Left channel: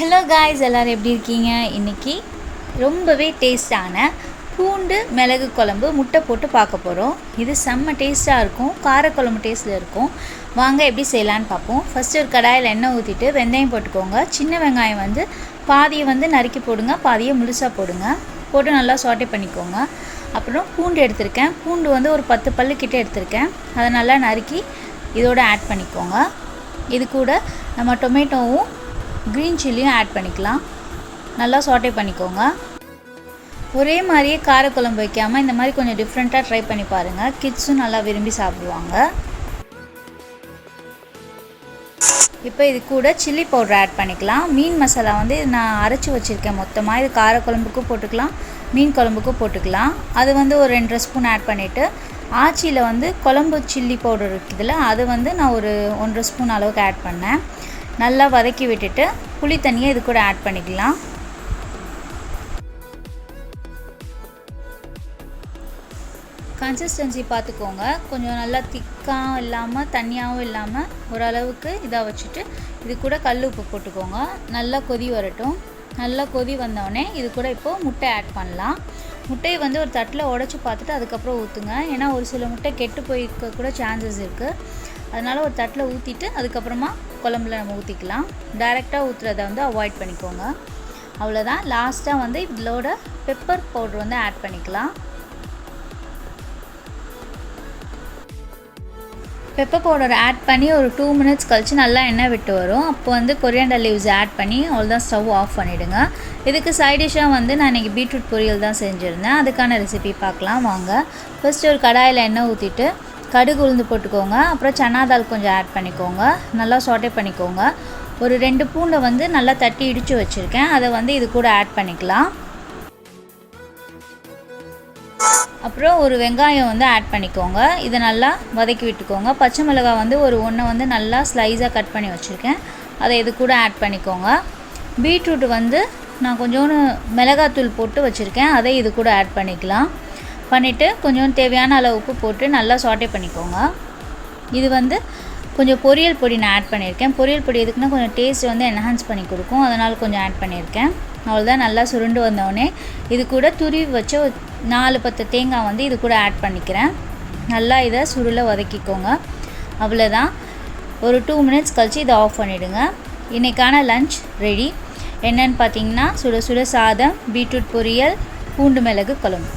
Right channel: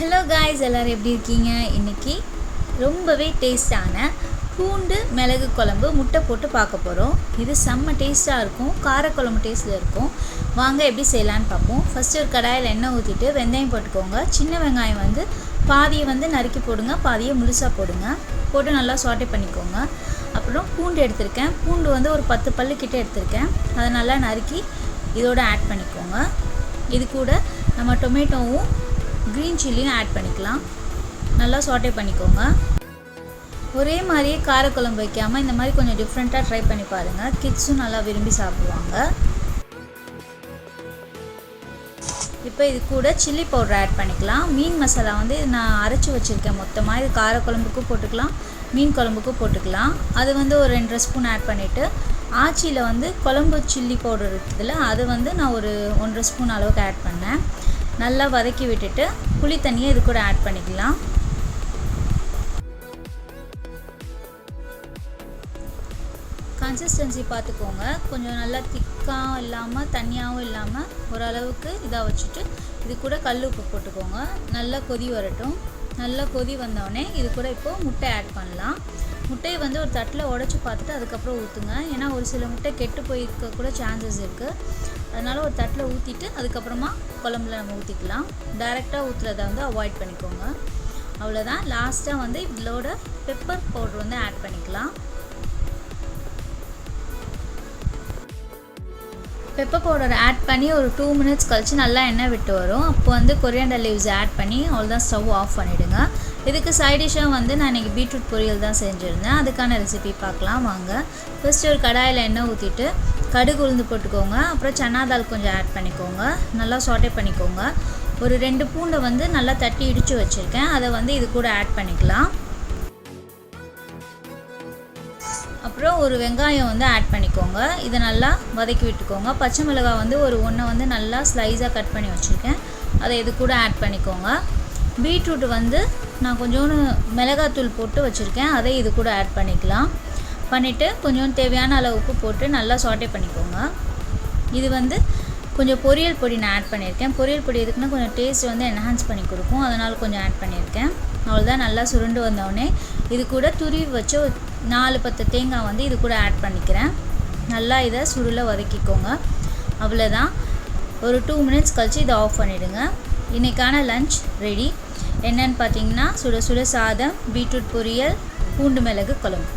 Hello guys, எல்லோரும் எப்படி இருக்கீங்க? இன்றைக்கி ரொம்பவே டேஸ்டான பூண்டு மிளகு குழம்பு முட்டை போட்டு பார்க்க போகிறோம். இது செம்ம டேஸ்ட்டாக இருக்கும், காரக்குழம்பு டேஸ்ட்டில் இருக்கும். வாங்க எப்படி செய்யலான்னு பார்ப்போம். ஃபஸ்ட்டு ஒரு கடாயில் எண்ணெய் ஊற்றிட்டு வெந்தயம் போட்டுக்கோங்க. சின்ன வெங்காயம் பாதியை நறுக்கி போடுங்க, பாதியை முழுசாக போடுங்க. போட்டு நல்லா சாட்டே பண்ணிக்கோங்க. அப்புறம் பூண்டு எடுத்திருக்கேன். பூண்டு ஒரு 10 பல்லுக்கிட்ட எடுத்திருக்கேன். அதை நல்லா நறுக்கி இதோடு ஆட் பண்ணிக்கோங்க. இது கூட நம்ம டொமேட்டோவும் க்ரீன் சில்லியும் ஆட் பண்ணிக்கலாம். நல்லா சாட்டே பண்ணிக்கோங்க. ஒரே மாதிரியே காரக்குழம்பு வைக்காமல் இந்த மாதிரி கொஞ்சம் டிஃப்ரெண்ட்டாக ட்ரை பண்ணி பாருங்கள். கிட்ஸும் நல்லா விரும்பி சாப்பிடுவாங்க. இப்போ இது கூட சில்லி பவுடர் ஆட் பண்ணிக்கலாம். மீன் மசாலா நான் அரைச்சி வச்சுருக்கேன் மொத்தமாக. இது காரக்குழம்புக்கும் போட்டுக்கலாம், மீன் குழம்புக்கும் போட்டுக்கலாம். அது ஒரு 2 ஸ்பூன் ஆட் பண்ணிவிட்டு, ஆச்சியில் குழம்பு சில்லி பவுடர் இருக்குதுல்ல, அது நான் ஒரு 1 ஸ்பூன் அளவுக்கு ஆட் பண்ணேன். நல்லா வதக்கி விட்டுட்டு புளி தண்ணியை இது கூட ஆட் பண்ணிக்கலாம். கன்சிஸ்டன்சி பார்த்துக்கோங்க. கொஞ்சம் நல்லா திக்காகவும் இல்லாமல் தண்ணியாகவும் இல்லாமல் ஓரளவுக்கு இதாக வச்சுட்டு இது கூட கல் உப்பு போட்டுக்கோங்க. நல்லா கொதி வரட்டும். நல்லா கொதி வந்தோடனே இது கூட இப்போது முட்டை ஆட் பண்ணலாம். முட்டையை ஒரு தட்டில் உடச்சி பார்த்துட்டு அதுக்கப்புறம் ஊற்றுங்க. ஏன்னா ஒரு சில முட்டை கெட்டு போயிருக்க கூட சான்சஸ் இருக்குது. அதனால் ஒரு தட்டில் ஊற்றிட்டு அதுக்கப்புறமா குழம்புல நம்ம ஊற்றிக்கலாம். டைரெக்டாக ஊற்றுறதை அவாய்ட் பண்ணிக்கோங்க. அவ்வளோதான். லாஸ்ட்டாக இதோட பெப்பர் பவுடர் ஆட் பண்ணிக்கலாம். பெப்பர் பவுடர் ஆட் பண்ணி ஒரு 2 மினிட்ஸ் கழித்து நல்லா எண்ணெய் விட்டு வரும். அப்போ கொரியாண்டர் லீவ்ஸ் ஆட் பண்ணி அவ்வளோதான், ஸ்டவ் ஆஃப் பண்ணிவிடுங்க. இதுக்கு சைடிஷாக நான் இன்றைக்கி பீட்ரூட் பொரியல் தான் செஞ்சுருந்தேன். அதுக்கான ரெசிபி பார்க்கலாம் வாங்க. ஃபஸ்ட்டு ஒரு கடாயில் எண்ணெய் ஊற்றிட்டு கடுகு உளுந்து போட்டுக்கோங்க. அப்புறம் சன்னா தால் கொஞ்சம் ஆட் பண்ணிக்கோங்க. நல்லா சாட்டே பண்ணிக்கோங்க. ஒரு 2 பூண்டை நல்லா தட்டி இடித்து வச்சுருக்கேன். அதை இது கூட ஆட் பண்ணிக்கலாம். அப்புறம் ஒரு வெங்காயம் ஆட் பண்ணிக்கோங்க. இதை நல்லா வதக்கி விட்டுக்கோங்க. பச்சை மிளகாய் ஒரு ஒன்றை நல்லா ஸ்லைஸாக கட் பண்ணி வச்சுருக்கேன். அதை இது கூட ஆட் பண்ணிக்கோங்க. பீட்ரூட் நான் கொஞ்சோண்டு மிளகாத்தூள் போட்டு வச்சுருக்கேன். அதை இது கூட ஆட் பண்ணிக்கலாம். பண்ணிவிட்டு கொஞ்சம் தேவையான அளவு உப்பு போட்டு நல்லா சாட்டே பண்ணிக்கோங்க. இது கொஞ்சம் பொரியல் பொடி நான் ஆட் பண்ணியிருக்கேன். பொரியல் பொடி எதுக்குன்னா கொஞ்சம் டேஸ்ட் என்ஹான்ஸ் பண்ணி கொடுக்கும். அதனால் கொஞ்சம் ஆட் பண்ணியிருக்கேன். அவ்வளோதான். நல்லா சுருண்டு வந்தோடனே இது கூட துருவி வச்ச 4-10 தேங்காய் இது கூட ஆட் பண்ணிக்கிறேன். நல்லா இதை சுருளை வதக்கிக்கோங்க. அவ்வளோதான். ஒரு 2 மினிட்ஸ் கழித்து இதை ஆஃப் பண்ணிவிடுங்க. இன்றைக்கான லன்ச் ரெடி. என்னென்னு பார்த்தீங்கன்னா சுட சுட சாதம், பீட்ரூட் பொரியல், பூண்டு மிளகு குழம்பு.